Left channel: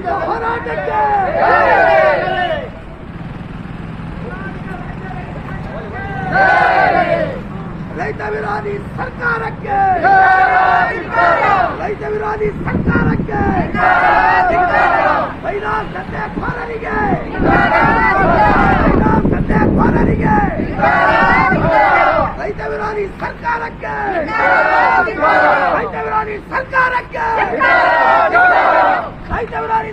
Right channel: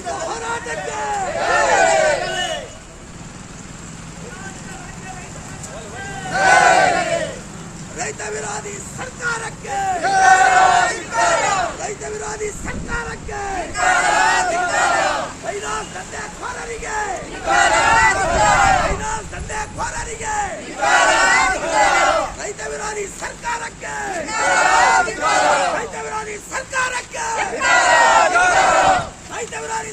ಹೋರಾಟಕ್ಕೆ! ರೈತ ವಿರೋಧಿ ಸರ್ಕಾರಕ್ಕೆ! ರೈತ ವಿರೋಧಿ ಸರ್ಕಾರಕ್ಕೆ! ಫೈನಾನ್ಸ್ ದಂಧೆಕೋರರಿಗೆ ಫೈನಾನ್ಸ್ ರೈತ ವಿರೋಧಿ ಸರ್ಕಾರಕ್ಕೆ! ರೈತ ವಿರೋಧಿ ಸರ್ಕಾರಕ್ಕೆ ರೈತ ವಿರೋಧಿ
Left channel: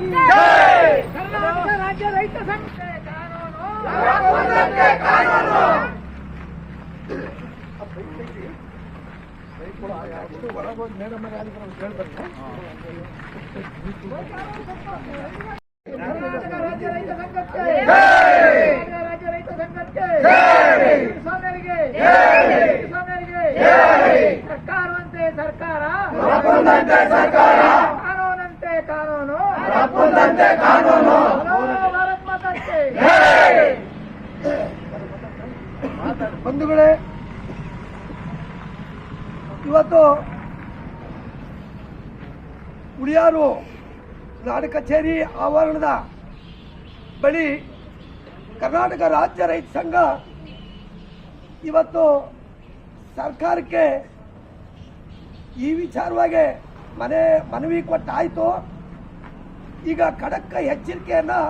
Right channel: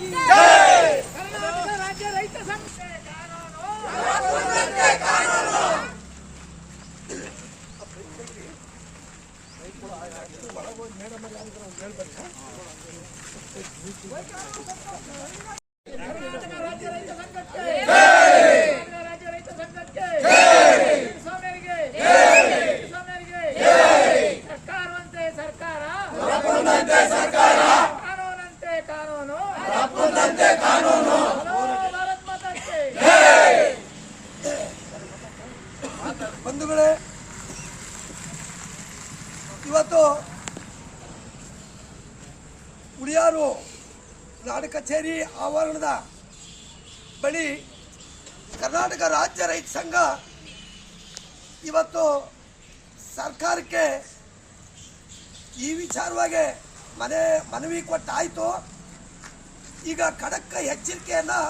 ಕರ್ನಾಟಕ ರಾಜ್ಯ ರೈತ ಸಂಘ ಕಾನೂನು ತಪ್ಪುಂದಂತೆ ಕಾನೂನು ಕರ್ನಾಟಕ ರಾಜ್ಯ ರೈತ ಸಂಘಕ್ಕೆ ರಾಜ್ಯ ರೈತ ಸಂಘಕ್ಕೆ ಸ್ವಾಮಿಯರಿಗೆ ಸ್ವಾಮಿಯರಿಗೆ ಸರ್ಕಾರವಂತೆ ಸರ್ಕಾರ ತಪ್ಪುಂದಂತೆ ಸರ್ಕಾರ ಕಾನೂನಂತೆ ಕಾನೂನು ತಪ್ಪುಂದಂತೆ ಕಾನೂನು ಹಲೋ ಭಾರತ್ ಮಾತಾಕ್ಕೆ ಬಂಧುಗಳೇ ಇವತ್ತು ಉಳಿಯಾರು ನಾಡ ಕಚೇರಿ ಆವರಣದ ಬಳಿ ಕರ್ನಾಟಕ ರಾಜ್ಯ ರೈತ ಸಂಘ ಇವತ್ತು ಸರ್ಕಾರಕ್ಕೆ ಈ ವಿಚಾರವಾಗಿ ಮನೆ ಮನವಿ ಕೊಟ್ಟಾಯಿತು. ಈಗ ಖಡಕ್ ಎಚ್ಚರಿಕೆಯನ್ನು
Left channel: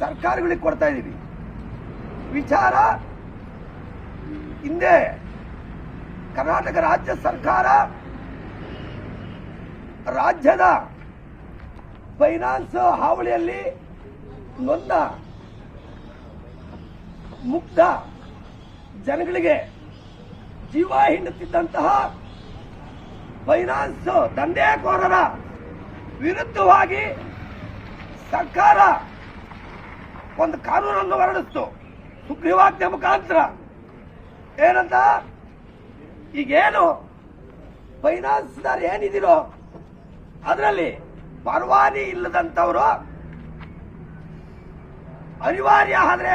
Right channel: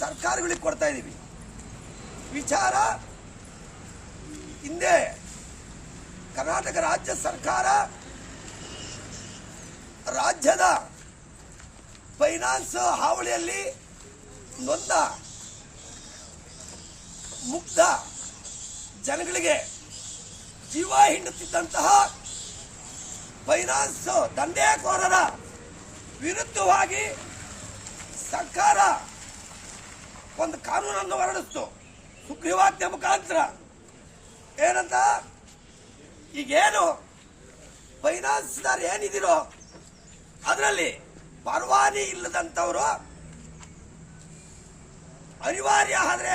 ಸರ್ಕಾರಗಳಿಗೆ ಕೊಡ್ತಾ ಇದ್ದೀವಿ ವಿಚಾರ ಹಿಂದೆ ಕರ್ನಾಟಕ ರಾಜ್ಯ ಸರ್ಕಾರ ರಾಜ್ಯದ ಫೈನಾನ್ಸ್ ಹಾವಳಿಯಲ್ಲಿ ನೊಂದ ಮುಗ್ಧ ಜನಗಳಿಗೆ ಜೀವ ಹಿಂಡುತ್ತಿದ್ದಂತಹ ಫೈನಾನ್ಸ್ ದಂಧೆಕೋರರ ವಿರುದ್ಧವಾಗಿ ಸರ್ಕಾರ ಒಂದು ಕಾನೂನನ್ನು ಹೊರಡಿಸ್ತು. ಸುಗ್ರೀವಾಜ್ಞೆ ಮುಖಾಂತರ. ಏನಂತ? ಈಗೇನು? ಫೈನಾನ್ಸ್ದಾರ್ ಏನಿದಿರೋ ಅದರಲ್ಲಿ ಪರವಾನಿ ಇಲ್ಲದಂಥವರು ಅನಿವಾರ್ಯ ಆದರೆ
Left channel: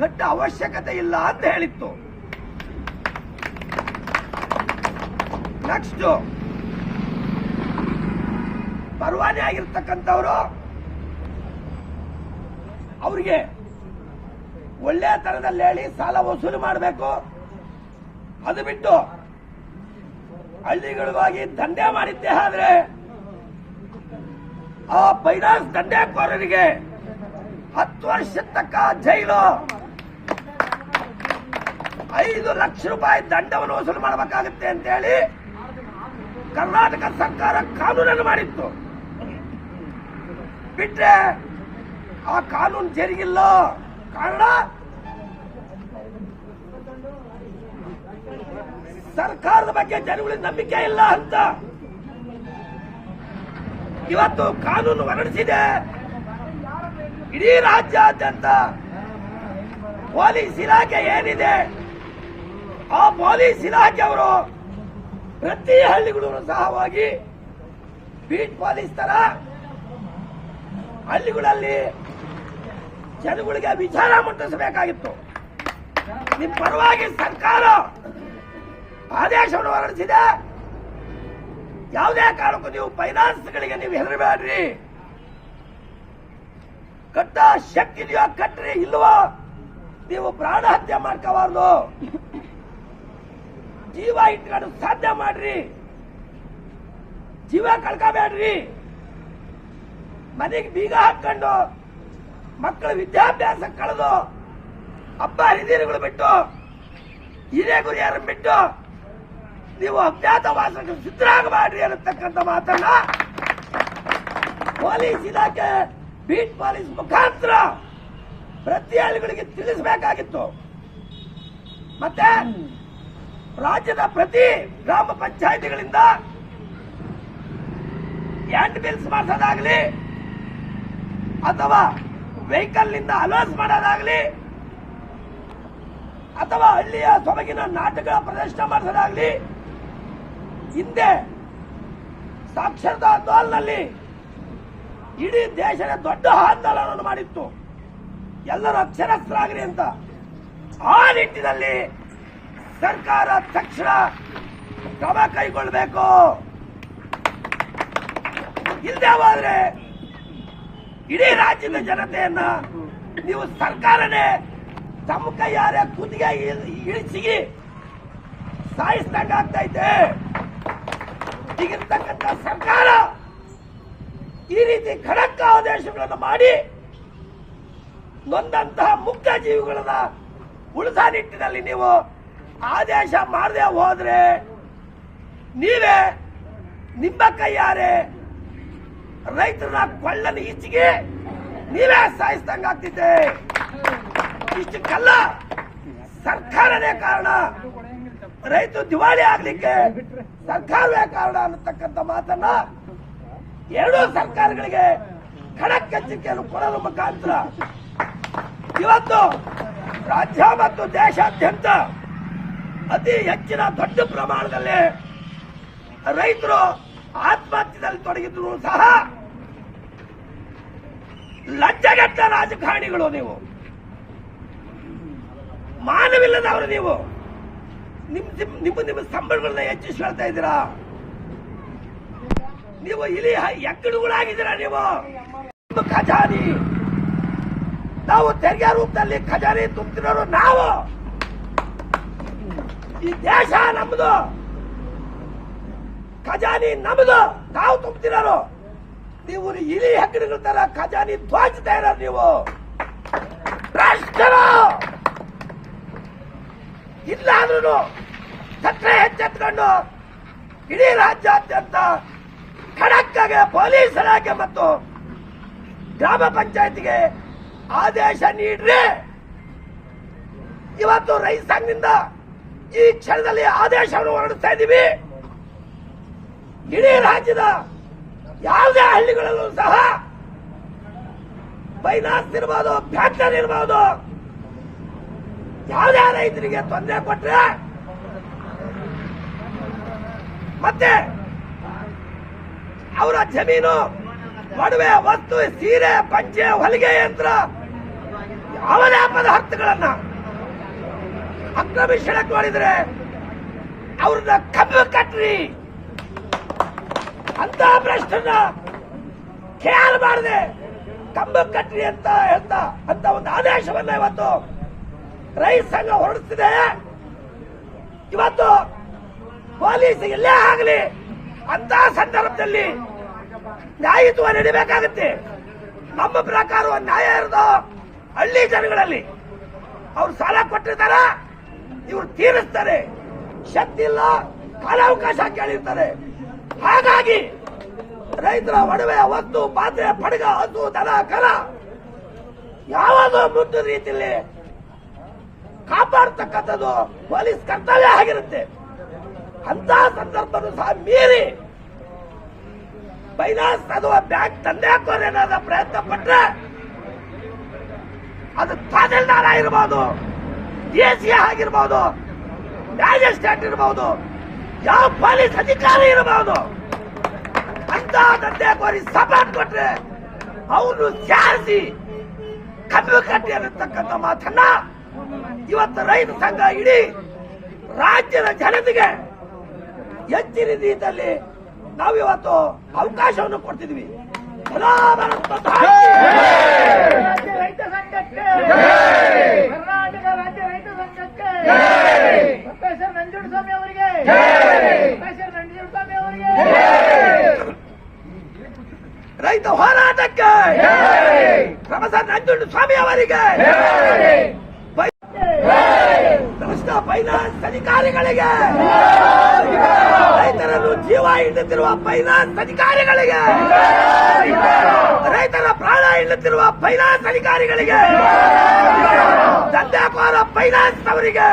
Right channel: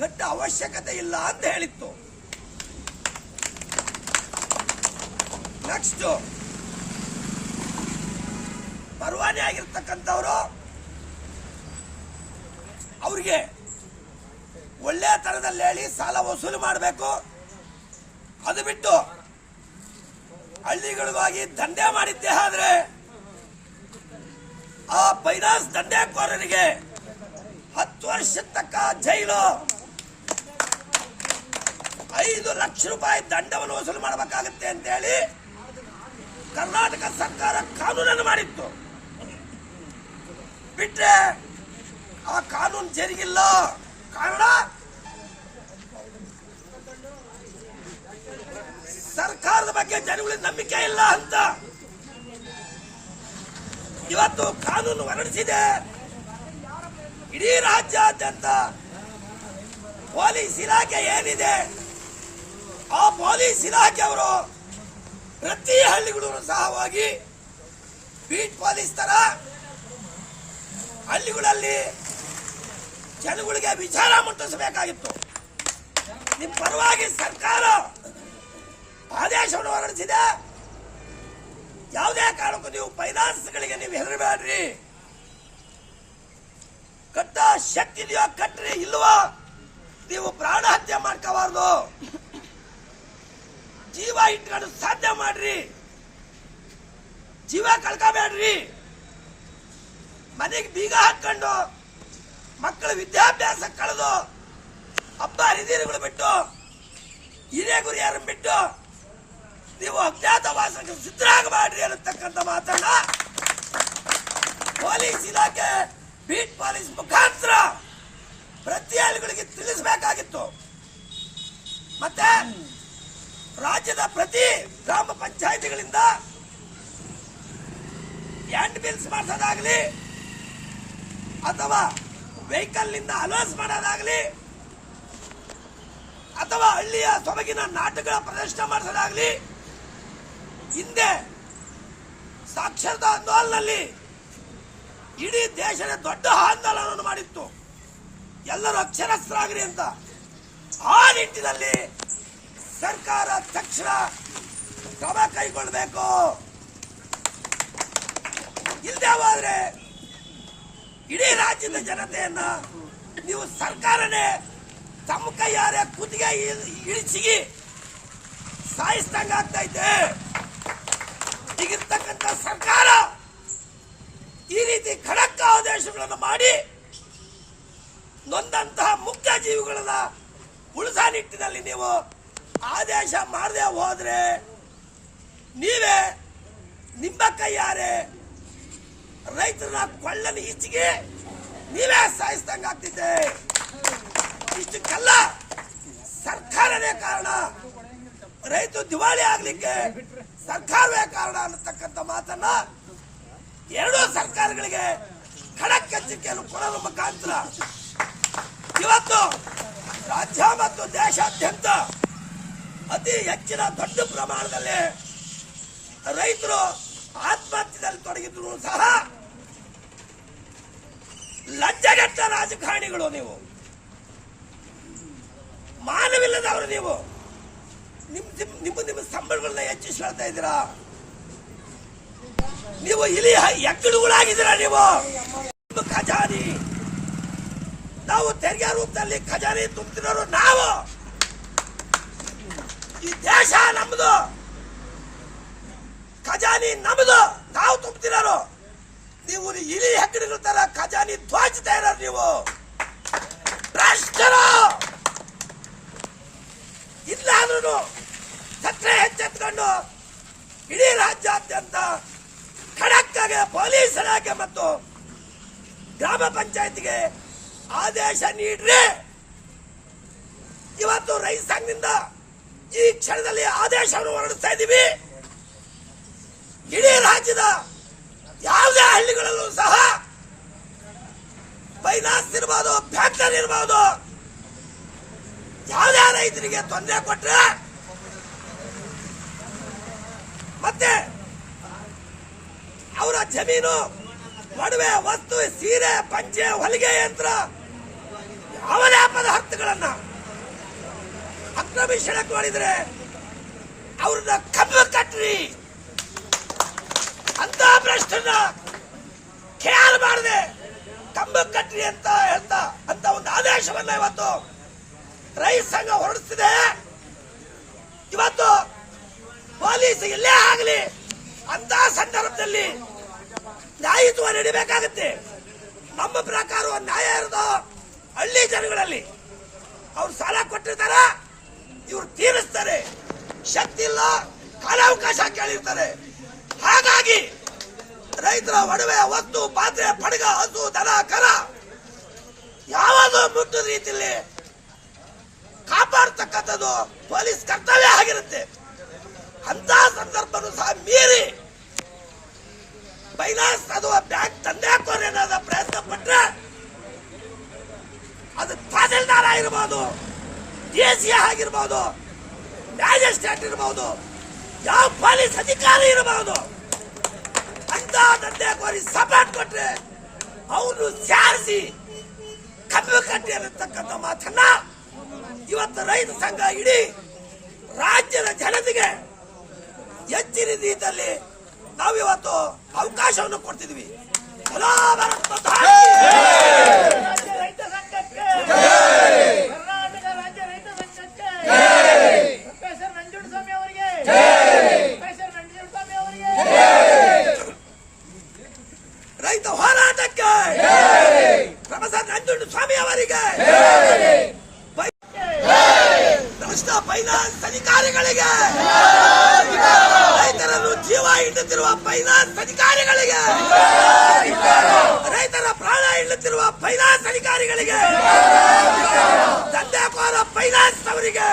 ಕಟ್ಟ ಅವಶ್ಯಕತೆ ಇಲ್ಲ ಅಂತ ಹೇಳಿತ್ತು. ನೆಕ್ಸ್ಟ್ ಪರವಾನಿ ಆಗಿರ್ತಕ್ಕಂಥವ್ರು ಅವ್ರಿಗೆ ಒಳ್ಳೆ ತರದಲ್ಲಿ ಹೇಳಿ ಸಾಲ ವಸೂಲಿ ಮಾಡಬೇಕು. ಅದು ಬಿಟ್ಟು ಹಳ್ಳಿಗಳಿಗಾಗಿ ದಂಧೆ ಮಾಡಿದ್ದೆ ಆದ್ರೆ ಆ ಫೈನಾನ್ಸ್ ದಂಧೆಕೋರರಿಗೆ ಹತ್ತು ವರ್ಷ ತಕ್ಕ ಜೈಲು. ಐದು ಲಕ್ಷ ರೂಪಾಯಿ ದಂಡವನ್ನು ವಸೂಲು ಮಾಡಬೇಕಾಗುತ್ತೆ ಅಂತ ಹೇಳಿ ಕರ್ನಾಟಕ ಸರ್ಕಾರ ಕಾನೂನನ್ನು ಮಾಡಿತ್ತು. ಬಿಟ್ರೆ ಆ ಕಾನೂನು ಜರುಗಿಲ್ಲ. ಕಾರಣ ಸರ್ಕಾರದ ಬಗ್ಗೆ ಜನಗಳಿಗೆ ನಂಬಿಕೆ ಇಲ್ಲ ಅಂತ. ಇವತ್ತು ಕಾನೂನು ಹೊರಡಿಸಿದೆ. ಇಡೀ ರಾಜ್ಯಾದ್ಯಂತ ಪೊಲೀಸ್ ಇಲಾಖೆ ಏನಿದೆ, ಆ ಪೊಲೀಸ್ ಇಲಾಖೆಯವರು ಪ್ರತಿ ಹಳ್ಳಿಗಳೂ ಸಹ ಹೋಗಿ ಬೀಟ್ ಪೊಲೀಸ್ ತರ ಹಳ್ಳಿಗಳಲ್ಲಿ ಜನಗಳಿಗೆ ವಿಚಾರ ಮುಟ್ಟಿಸಬೇಕಾಗಿತ್ತು. ನಿಮ್ಮ ಪರವಾಗಿ ಸರ್ಕಾರ ಆದೇಶವನ್ನು ಹೊರಡಿಸಿದೆ. ಯಾವುದೇ ಕಾರಣಕ್ಕೂ ನೀವು ಫೈನಾನ್ಸ್ಗಳಿಗೆ ನೀವು ಹೆದರಬೇಡ್ರಿ. ಕಟ್ಟ ಶಕ್ತಿ ಇದೆಯೋ ಕಟ್ಟ್ರಿ ಇಲ್ವೋ? ನೀವು ಪ್ರಾಣ ಹತ್ಯೆ ಮಾಡ್ಕೋಬಾರ್ದು. ಜೀವ ಇಟ್ಕೊಂಡು ಸಾಧ್ಯ ಮಾಡ್ರಿ. ಜೀವ ಕಳ್ಕೋಬೇಡ್ರಿ. ಮನೆಗೆ ಬೀಗ ಹಾಕೊಂಡು ಮಕ್ಕಳ ವಿದ್ಯಾಭ್ಯಾಸ ಕಳೆದು, ಹಬ್ಬ ಹರಿದಿರುಗಳು ಬಿಟ್ಟು ಹಿರಿಯ ಗುರಿಯಾರನ್ನು ಬಿಟ್ಟು ನೀವು ಅಜ್ಞಾತವಾಸಕ್ಕೆ ಸಿದ್ಧರಾಗಬೇಡ್ರಿ ಅನ್ನತಕ್ಕಂಥ ಮಾತನ್ನ ಪೊಲೀಸ್ ಇಲಾಖೆ, ಬೀಟ್ ಪೊಲೀಸ್ ಮುಖಾಂತರ ಪ್ರತಿ ಹಳ್ಳಿಗಳಿಗೆ ತಿಳಿಸಬೇಕಾಗಿತ್ತು. ಮತ್ತೆ ರಾಜ್ಯದ ಪ್ರತಿ ಗ್ರಾಮ ಪಂಚಾಯಿತಿಗಳಿಂದ ಹ್ಯಾಂಡ್ ಬಿಲ್ಸ್ ಮಾಡೋದಾಗ್ಲಿ ಅಥವಾ ವೆಹಿಕಲ್ನಿಂದ ಅಲೋನ್ಸ್ ಮಾಡೋದಾಗ್ಲಿ ಅಥವಾ ಹಳ್ಳಿಯ ಸೊಬಗಿನ ನಾಟಕಗಳ ಪ್ರದರ್ಶನ ಮಾಡಿಸೋದಾಗ್ಲಿ ಹಿಂದೆ ಸಾಕ್ಷರತಾ ಆಂದೋಲನದಲ್ಲಿ ಇಡೀ ದೇಶದ ದೊಡ್ಡ ಆಂದೋಲನವನ್ನು ಮಾಡಿತ್ತು. ಎಲ್ಲರೂ ಅಕ್ಷರಸ್ಥರಾಗ್ರಿ ಅಂತ. ಆ ನಿಟ್ಟಿನಲ್ಲಿ ಸರ್ಕಾರ ತಕ್ಷಣ ಕ್ರಮ ಕೈಗೊಳ್ಳಬೇಕು. ಇಲ್ಲದೆ ಹೋದ್ರೆ ಇಡೀ ರಾಜ್ಯದ ಜನತೆಯನ್ನ ನೀವು ಸರ್ಕಾರನೇ ತಮ್ಮ ಕೈಯಾರೆ ಕುದಿಗೆ ಇಳಿಸಿ ಸಾಯಿಸ್ದಂಗಾಗ್ತೈತೆ. ಈಗಿರ್ತಕ್ಕಂಥ ಸರ್ಕಾರ ಈ ರೀತಿ ಖಡಕ್ ಆದೇಶಗಳನ್ನು ಮಾಡಿ ನೊಂದಂತಹ ಮುಕ್ತ ಜೀವಿಗಳನ್ನ ಉಳಿಸ ನಿಟ್ಟಿನಲ್ಲಿ ನೀವು ಆದೇಶ ಮಾಡದೆ ಹೋದ್ರೆ ನೀವೇ ನಿಮ್ಮ ಕೈಯಾರೆ ರೈತರ ಕೊಳ್ಳಲು ಈಚೆಗೆ ನೀವೇ ಸಾಯಿಸ್ದಂಗ ಆಗ್ತಿದ್ದೆ. ಇಷ್ಟಕ್ಕೆಲ್ಲ ಸರ್ಕಾರನೇ ಕಾರಣ. ರೈತ ದಿವಾಳಿ ಆಗ್ಲಿಕ್ಕೆ ಸರ್ಕಾರವೇ ಕಾರಣ ಅನ್ನತಕ್ಕಂಥ ಮಾತನ್ನ ಎರಡೂ ಸರ್ಕಾರಗಳಿಗೆ ಖಡಕ್ ಎಚ್ಚರಿಕೆಯನ್ನು ಕೊಡೋದ್ರ ಮುಖಾಂತರ ಇವತ್ತು ರಾಜ್ಯ ಮತ್ತು ದೇಶಾದ್ಯಂತ ಅತಿ ಹೆಚ್ಚಿನ ದೊಡ್ಡ ಪ್ರಮಾಣದಲ್ಲಿ ರೈತರು ಆತ್ಮಹತ್ಯೆಯಲ್ಲಿ ತೊಡಗಿದ್ರು ಸಹ ಲಜ್ಜಗಟ್ಟ ರಾಜಕಾರಣಿಗಳು ನೀವು. ಮಾನವಿಲ್ಲದವರು ನೀವು. ನಿಮ್ ನಿಮ್- ನಿಮ್ಮ ನಿಮ್ಮ ಸಂಬಳಗಳನ್ನ ಹೆಚ್ಚಿಸ್ಕೊಳ್ತಾ ಇದ್ದೀರಾ? ನೀವು ಇಲ್ಲಿ ಎಕ್ಕಡುಗಳಾಗಿದ್ದೀರಾ ನೀವು? ನಿಮ್ಮ ಖಜಾನಿ. ನಾವು ತೆರಿಗೆ ರೂಪದಲ್ಲಿ ಖಜಾನೆ ತುಂಬ್ತಿರೋರು ನಾವು. ಈ ದೇಶ ನಮ್ಮದು ಖಜಾನಿ ನಮ್ಮದು ನಾವು ತುಂಬ್ತಿರೋರು. ನೀವು ಇಲಿ ಹೆಕ್ಕಡಿಗಳ ತರ ಖಜಾನಿ ಇರೋರು ನೀವು. ಭ್ರಷ್ಟರು ಇಲ್ಲ ಅಂದ್ರೂ ಸತ್ರೆ ಹೆಚ್ಚೆತ್ಕೊಂಡು ಇಡೀ ರಾಜ್ಯಾದ್ಯಂತ ಖಡಕ್ಕಾಗಿ ಪೊಲೀಸ್ ಇಲಾಖೆ ಮತ್ತು ಗ್ರಾಮ ಪಂಚಾಯತ್ಗೆ ಆದೇಶ ನೀಡ್ರಿ ಇವತ್ತು ರೈತ ಸಂಘದಿಂದ ಈ ಕ್ಷಣದಲ್ಲಿ ಆದೇಶವನ್ನು ಹೊರಡಿಸ್ತಾ ಇದ್ದೀವಿ. ಇಡೀ ರಾಜ್ಯದ ಯಾವುದೇ ಹಳ್ಳಿಗಳಲ್ಲೂ ಸಹ ಫೈನಾನ್ಸ್ ಇರ್ಬೋದು, ಫ್ಯಾಕ್ಟರಿ ಇರ್ಬೋದು, ಯಾವುದೇ ರೈತರಿಗೆ ತೊಂದರೆ ಕೊಟ್ರೆ ಮತ್ತೆ ಅವರ ಜಮೀನು, ಒಡವೆ, ವಸ್ತು, ಸೀರೆ, ಪಂಚೆ, ಹೊಲಿಗೆ ಯಂತ್ರ ಯಾವುದೇ ಹಕ್ಕುಗಳನ್ನ ಅಕ್ರಮಿಸಣಕ್ಕೆ ಮಾಡಿದ್ರೆ ಅವ್ರನ್ನ ಕಬ್ಬು ಕಟ್ರಿ ಅಂತ ಭ್ರಷ್ಟನ್ನ ಖ್ಯಾಲ್ ಮಾಡಿದೆ ಕಂಬ ಕಟ್ರಿ ಅಂತ ಹೇಳ್ತಾ ಅಂತ ಒಂದು ಆದೇಶವನ್ನ ಇವತ್ತು ರೈತ ಸಂಘ ಹೊರಡಿಸಿದೆ. ಇವತ್ತು ಪೊಲೀಸ್ ಎಲ್ಲೇ ಆಗಲಿ. ಅಂತ ಸಂದರ್ಭದಲ್ಲಿ ನ್ಯಾಯತ್ವ ನಡಿಬೇಕಾಗುತ್ತೆ. ನಮ್ಮ ಪ್ರಕಾರ ನ್ಯಾಯ ಇರೋದು ಹಳ್ಳಿ ಜನಗಳಲ್ಲಿ. ಅವ್ರು ಸಾಲ ಕೊಟ್ಟಿರ್ತಾರ, ಇವ್ರು ತೀರಿಸ್ತಾರೆ. ಶಕ್ತಿ ಇಲ್ಲ, ಕಾಲಾವಕಾಶ ಕೇಳಿರ್ತಾರೆ. ಹಾಗಾಗಿ ರೈತರ ಒಡವೆ, ವಸ್ತು, ಪಾತ್ರೆ, ಪಡಗ, ಹಸು, ದನ, ಕರ ಯಾವಾಗ ಮುಟ್ಟದ ರೀತಿಯಲ್ಲಿ ಕಾಪಾಡ್ತಕ್ಕಂಥದ್ದು ಪೊಲೀಸ್ ಕರ್ತವ್ಯ ಆಗಿರುತ್ತೆ. ಅಂತ ಸಂದರ್ಭನೂ ಸಹ ಮೀರಿ ಫೈನಾನ್ಸ್ ಅಥವಾ ಬ್ಯಾಂಕ್ ತಂದೆ ಹಾಕೋರು ಪ್ರಯತ್ನ ಪಟ್ರೆ ಅದು ತಹಸೀಲ್ದಾರ್ ಆಗಿರ್ಬೋದು ಡಿ ಸಿ ಆಗಿರ್ಬೋದು, ಮ್ಯಾಜಿಸ್ಟ್ರೇಟ್ ಇರ್ಬೋದು, ಯಾವ ಪೊಲೀಸ್ ಅಧಿಕಾರಿ ಇರಬಹುದು ಅಂತ ತಂದೆ ಕೋರಿ ಸಪೋರ್ಟ್ ಕೊಟ್ರೆ ಅವರು ಸೇರಿಸಿ ಕಬ್ಬು ಕಟ್ಟಿ ಅನ್ನತಕ್ಕಂಥ ಮಾತನ್ನ ಇವತ್ತು ರೈತ ಸಂಘ ಇಡೀ ರಾಜ್ಯದ ಜನತೆಗೆ ಹೆಚ್ಚಿನ ರೀತಿಯಲ್ಲಿ ನಾವು ಇವತ್ತು ಅವಕಾಶವನ್ನು ಕೊಡ್ತಿದ್ವಿ ರೈತ ಸಂಘಕ್ಕೆ ಕರ್ನಾಟಕ ರಾಜ್ಯ ರೈತ ಸಂಘಕ್ಕೆ ಪ್ರೊಫೆಸರ್ ನಂಜುಂಡಸ್ವಾಮಿ ಅವರಿಗೆ ಪ್ರೊಫೆಸರ್ ನಂಜುಂಡಸ್ವಾಮಿ ಅವರಿಗೆ ರೈತ ಹೋರಾಟಕ್ಕೆ ಪ್ರೊಫೆಸರ್ ನಂಜುಂಡ ಸ್ವಾಮಿ ಅವರಿಗೆ ಕೃಷ್ಣ ಫೈನಾನ್ಸ್ ಅಧಿಕಾರಿಗಳಿಗೆ. ರೈತರನ್ನು ಜೀವ ಹಿಂಡುತ್ತಿರುವ ಫೈನಾನ್ಸ್ ಅಧಿಕಾರಿಗಳಿಗೆ. ರೈತರ ಪ್ರಾಣ ಹಿಂಡುತ್ತಿರುವ ಫೈನಾನ್ಸ್ ಅಧಿಕಾರಿಗಳಿಗೆ. ದಂಧೆಕೋರ ಫೈನಾನ್ಸ್ ಅವರಿಗೆ.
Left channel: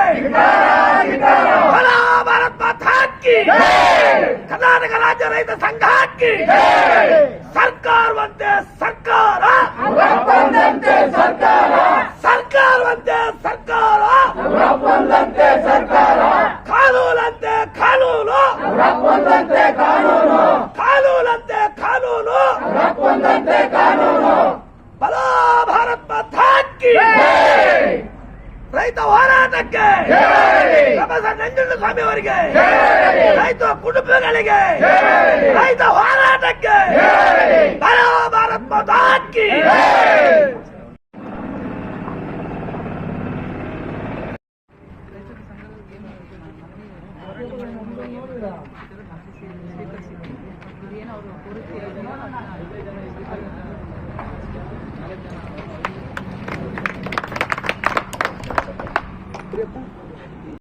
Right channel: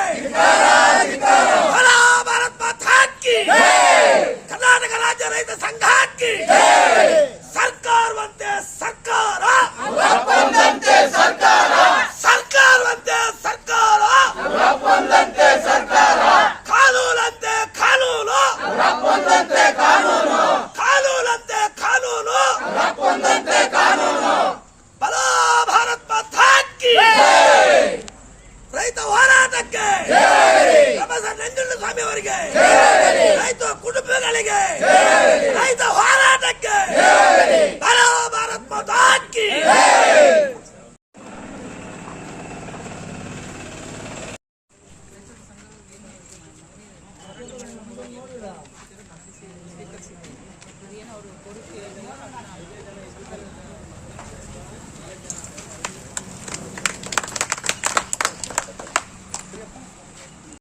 ಭಾರತ್ ಮಾತಾ ಕರ್ನಾಟಕ ರಾಜ್ಯ ರೈತ ಸಂಘ ಕಿ ಸರ್ಕಾರವಂತೆ ಸರ್ಕಾರ. ಸರ್ಕಾರ ಸರ್ಕಾರವಂತೆ ಸರ್ಕಾರ ಒಪ್ಪಂದಂತೆ ಸರ್ಕಾರ ಕಾನೂನಂತೆ ಕಾನೂನು ಒಪ್ಪಂದಂತೆ ಕಾನೂನು. ಕಾನೂನಂತೆ ಕಾನೂನು. ರಪ್ಪೊಂದಂತೆ ಕಾನೂನು. ಬಲ ಭಾರತ್ ಮಾತಾಕಿ ರೈತ ಹೋರಾಟಕ್ಕೆ. ಪ್ರೊಫೆಸರ್ ನಂಜುಂಡಸ್ವಾಮಿ ಅವರಿಗೆ. ರೈತ ಕುಟುಂಬಗಳಿಗೆ. ರೈತ ಹೋರಾಟಕ್ಕೆ. ಬಲ ಭಾರತ್ ಮಾತಾ